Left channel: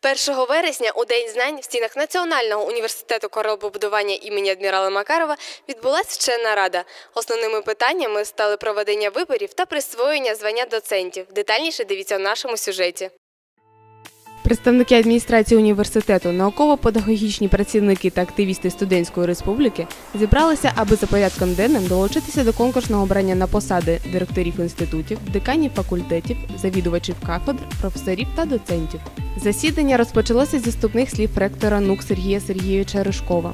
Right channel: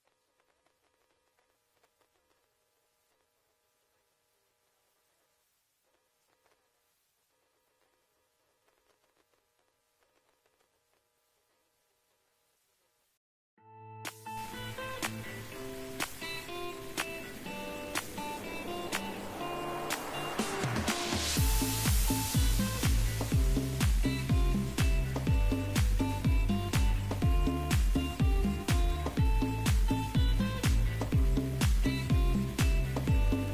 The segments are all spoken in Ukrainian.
Першого вересня у День знань в стінах Національного університету кораблебудування імені адмірала Макарова відбулася вчена рада. Основними питаннями стали проведення виборів та присвоєння звання доцентів. Детальніше дивіться у нашому сюжеті. Представники адміністрації університету, науково-педагогічні працівники та активісти студентської республіки зібралися, аби за порядком денним долучитися до конкурсного обрання на посади директорів інститутів, деканів факультетів, завідувачів кафедр, професорів та доцентів. Засідання розпочалося зі вступних слів ректора НУК Сергія Сергійовича Ришкова.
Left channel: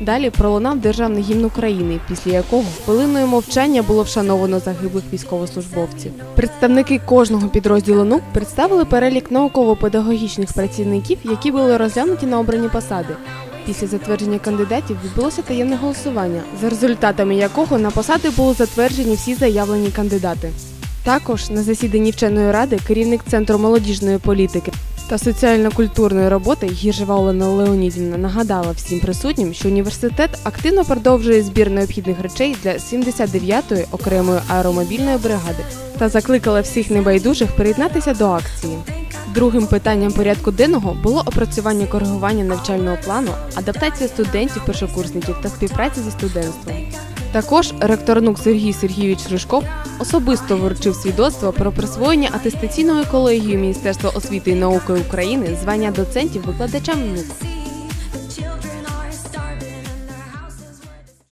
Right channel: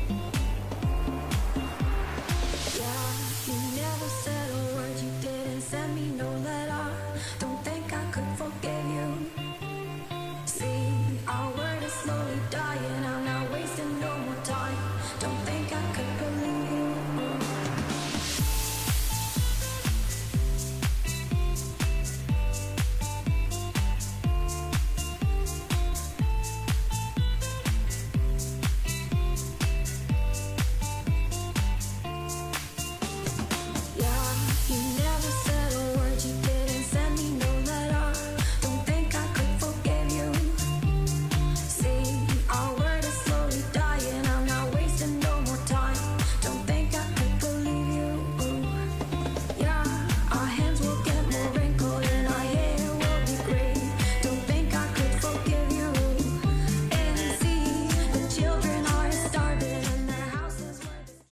Далі пролунав державний гімн України, після якого хвилиною мовчання було вшановано загиблих військовослужбовців. Представники кожного підрозділу НУК представили перелік науково-педагогічних працівників, які були розглянуті на обрані посади. Після затвердження кандидатів відбулося таємне голосування, за результатами якого на посади були затверджені всі заявлені кандидати. Також на засіданні вченої ради керівник центру молодіжної політики та соціально-культурної роботи Гіржева Олена Леонідівна нагадала всім присутнім, що університет активно продовжує збір необхідних речей для 79-ї окремої аеромобільної бригади та закликала всіх небайдужих приєднатися до акції. Другим питанням порядку денного було опрацювання коригування навчального плану, адаптація студентів, першокурсників та співпраця зі студентством. Також ректор НУК Сергій Сергійович Рижков особисто вручив свідоцтво про присвоєння атестаційною колегією Міністерства освіти і науки України звання доцентів викладачам